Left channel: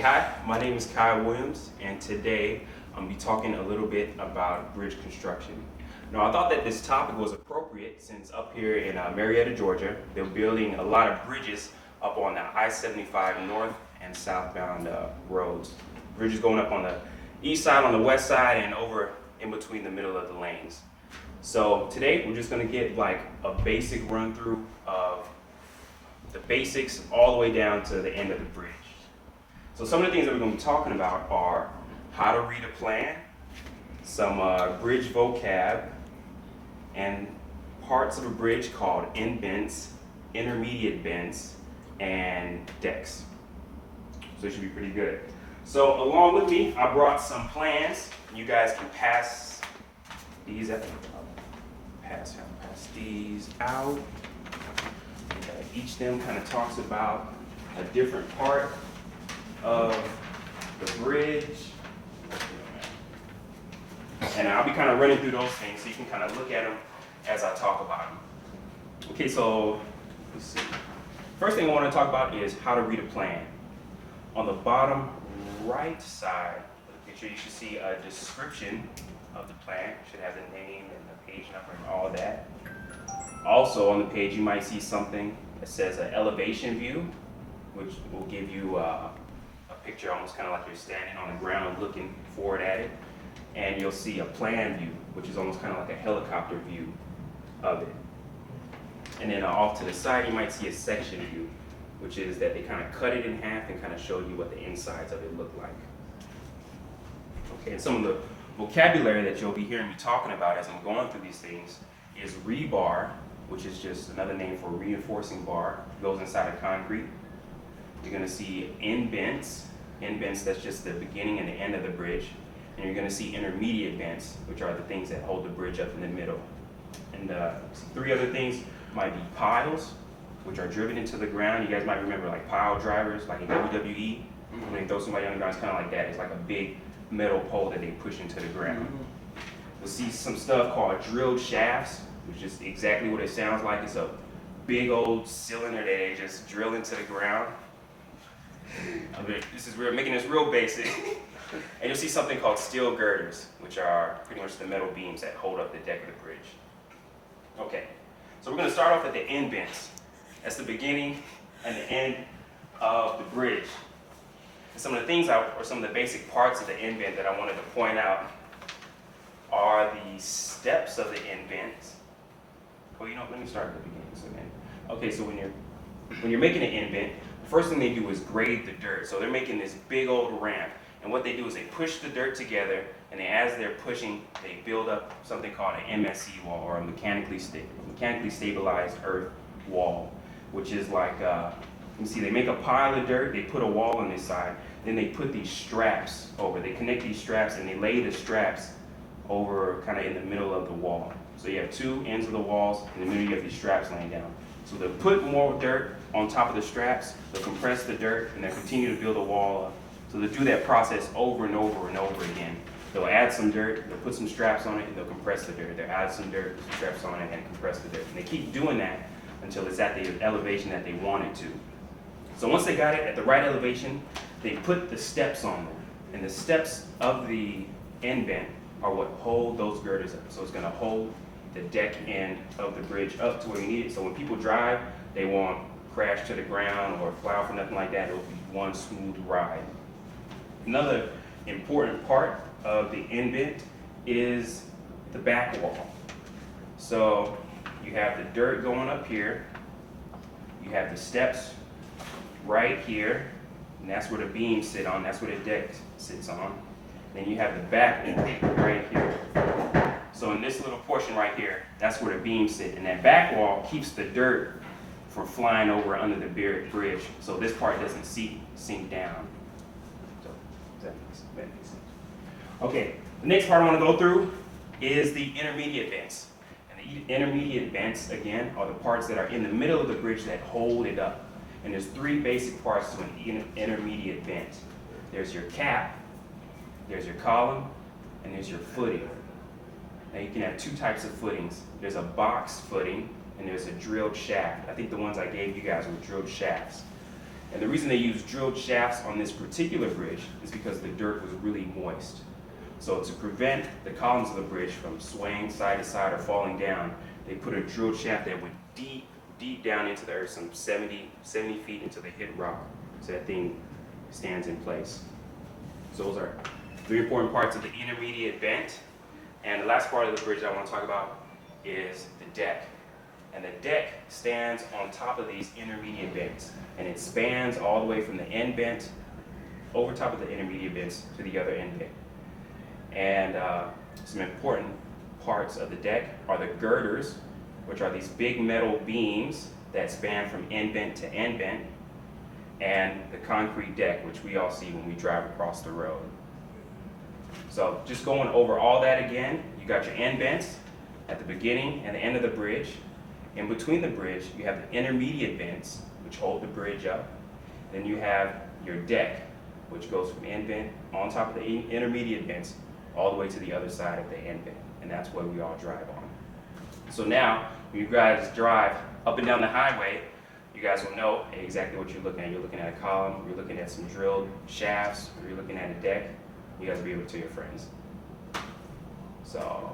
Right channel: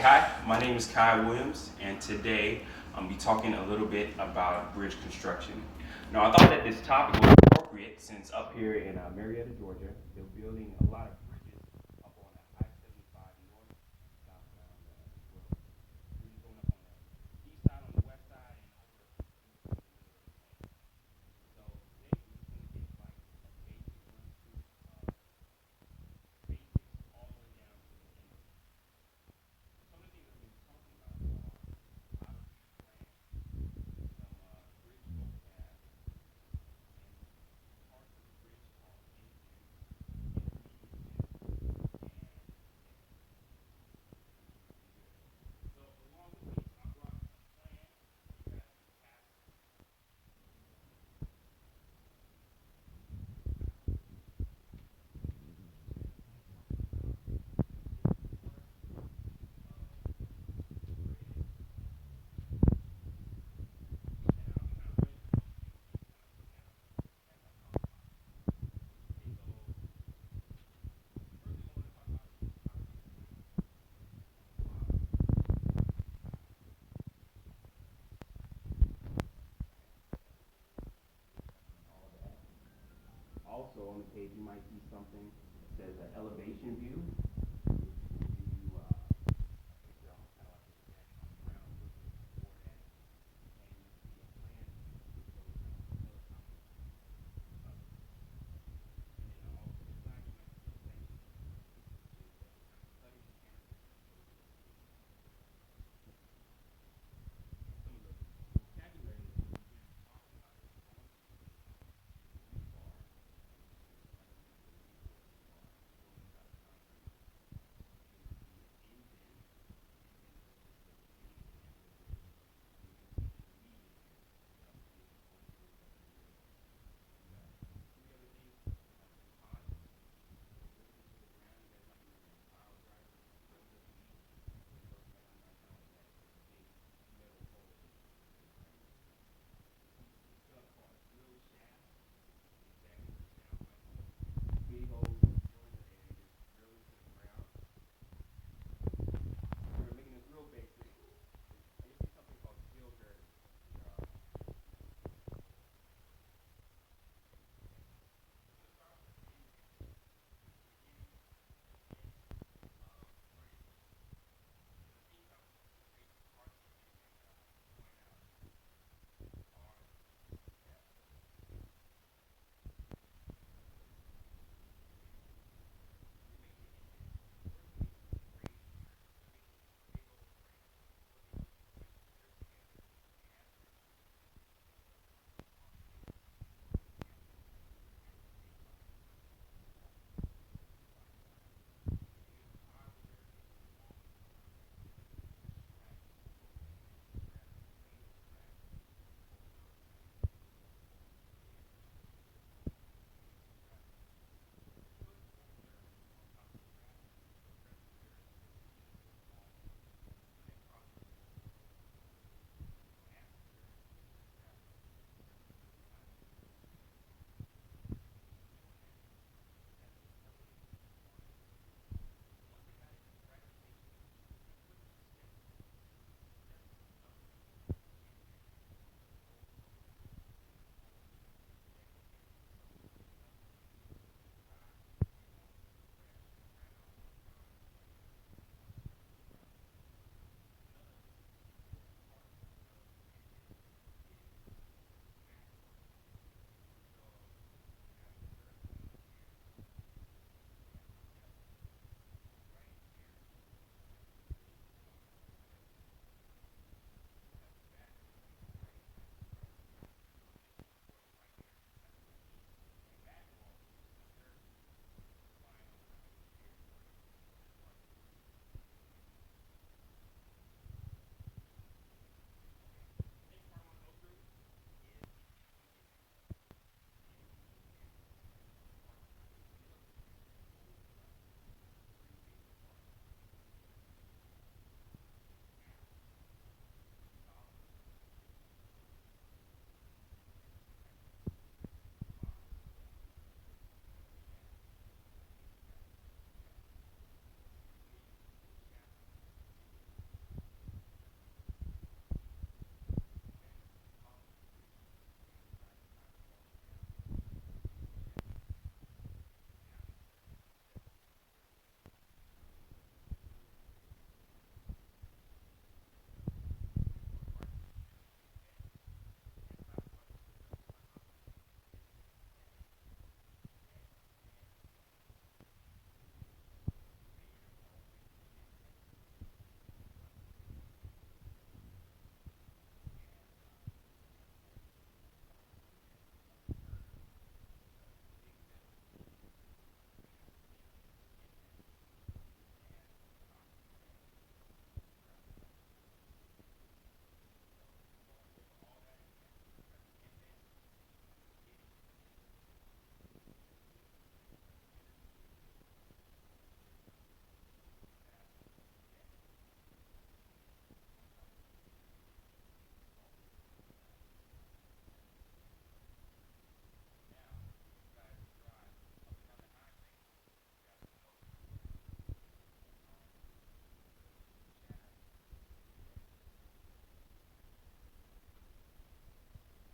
Okay, hi, my name is Kai Williams, and today I'm going to be talking a little bit about bridge construction. Now, I thought that this topic was appropriate since up here in Marietta, Georgia, they're building a lot of bridges up on the I-75 north and southbound roads. Bridges going up on the east side, on the west side, and over in between the middle of the lanes. So today we're just going to get like a basic run through of the basics all the way down to the end of the bridge. So some of the things that we're going to be talking about are how to read a plan, some bridge vocab, and parts of a bridge called indents, intermediate bents, and decks. So it should be pretty good. So along with me, I brought some plans. You guys can pass these out. Pass these out. Each of them kind of talks about a different part of the bridge. And I'll be kind of running through those things so you can kind of look at them as I talk about them. Okay, so let's see. First thing I want to talk about is how to read a plan. On the bottom right side of the picture, you should see a description of the plan. It should have the name and the page number and all that. Also on the page, you might see something that says an elevation view, which will give you a picture almost kind of like you're standing on the ground looking forward at it. And you'll see a plan view, which is almost kind of like a helicopter view of it. And then off to the side, you might see a section view, which is that they kind of cut it in half and kind of show you what the insides of it look like. Okay, and some of the vocabulary that you'll be hearing me talking about as I'm going through these things is rebar, which is just another name for reinforcing bar. It goes inside of concrete. You're going to see indents. Indents, that's just the beginning and the end of the bridge. And you're going to see intermediate bents, which are the things that hold the bridge up in the middle. And three other things might be piles, which are driven into the ground. You guys might remember like pile drivers, like in WWE. When they throw somebody on the ground, it's kind of like that. It's like a big metal pole that they push into the ground. We'll see some stuff called drilled shafts, which is exactly what it sounds like. It's a big old cylinder that they just drill into the ground. I mean, we're making this real basic. And you'll see something called steel girders, which are pretty much the metal beams that hold up the deck of the bridge. Okay, so we're going to start off at the indents. That's the beginning and the end of the bridge. And some of the things, or some of the basic parts of the indent that I wanted to point out are the steps of the indent. Well, let me start at the beginning. Okay, so when you're making an indent, the first thing they do is grade the dirt. So they're making this big old ramp. And what they do is they push the dirt together, and as they're pushing, they build up something called an MSE wall, or a mechanically stabilized earth wall, which is like, you see, they make a pile of dirt, they put a wall on this side, then they put these straps over. They connect these straps, and they lay the straps over kind of in the middle of the wall. So you have two ends of the walls, in the middle you have these straps laying down. So they'll put more dirt on top of the straps, they'll compress the dirt, and they'll continue to build a wall up. So they'll do that process over and over and over again. They'll add some dirt, they'll put some straps on it, and they'll compress the dirt. They'll add some dirt, put some straps on it, and compress the dirt. And they keep doing that until it's at the elevation that they want it to. So once they got it at the right elevation, they put the steps on there. And the steps of the indent are what hold those girders up. So it's going to hold the deck end of the bridge up to where you need it. So when people drive, they won't crash to the ground or fly off or nothing like that. It'll be one smooth ride. Another important part of the indent is the back wall. So you have the dirt going up here. You have the steps right here. And that's where the beams sit on. That's where the deck sits on. Then you have the back wall right here. So in this little portion right here, that's where the beams sit. And that back wall keeps the dirt from flying over under the bridge. So this part doesn't sink down. So that makes sense. Okay, the next part I want to go through is the intermediate bents. And the intermediate bents, again, are the parts that are in the middle of the bridge that hold it up. And there's three basic parts to an intermediate bent. There's your cap, there's your column, and there's your footing. Now you can have two types of footings. There's a box footing, and there's a drilled shaft. I think the ones I gave you guys were drilled shafts. And the reason they use drilled shafts on this particular bridge is because the dirt was really moist. So to prevent the columns of the bridge from swaying side to side or falling down, they put a drilled shaft that went deep, deep down into the earth, some 70 feet into the hit rock, so that thing stands in place. So those are three important parts of the intermediate bent. And the last part of the bridge I want to talk about is the deck. And the deck stands on top of these intermediate bents, and it spans all the way from the end bent over top of the intermediate bents to the other end bent. And some important parts of the deck are the girders, which are these big metal beams that span from end bent to end bent, and the concrete deck, which we all see when we drive across the road. So just going over all that again, you got your end bents at the beginning and the end of the bridge. In between the bridge, you have the intermediate bents, which hold the bridge up. Then you have your deck, which goes from end bent on top of the intermediate bents all the way to the other side of the end bent. And that's where we all drive on. So now, when you guys drive up and down the highway, you guys will know exactly what you're looking at. You're looking at a column, you're looking at some drilled shafts, or you're looking at a deck. You guys will be able to tell your friends. So.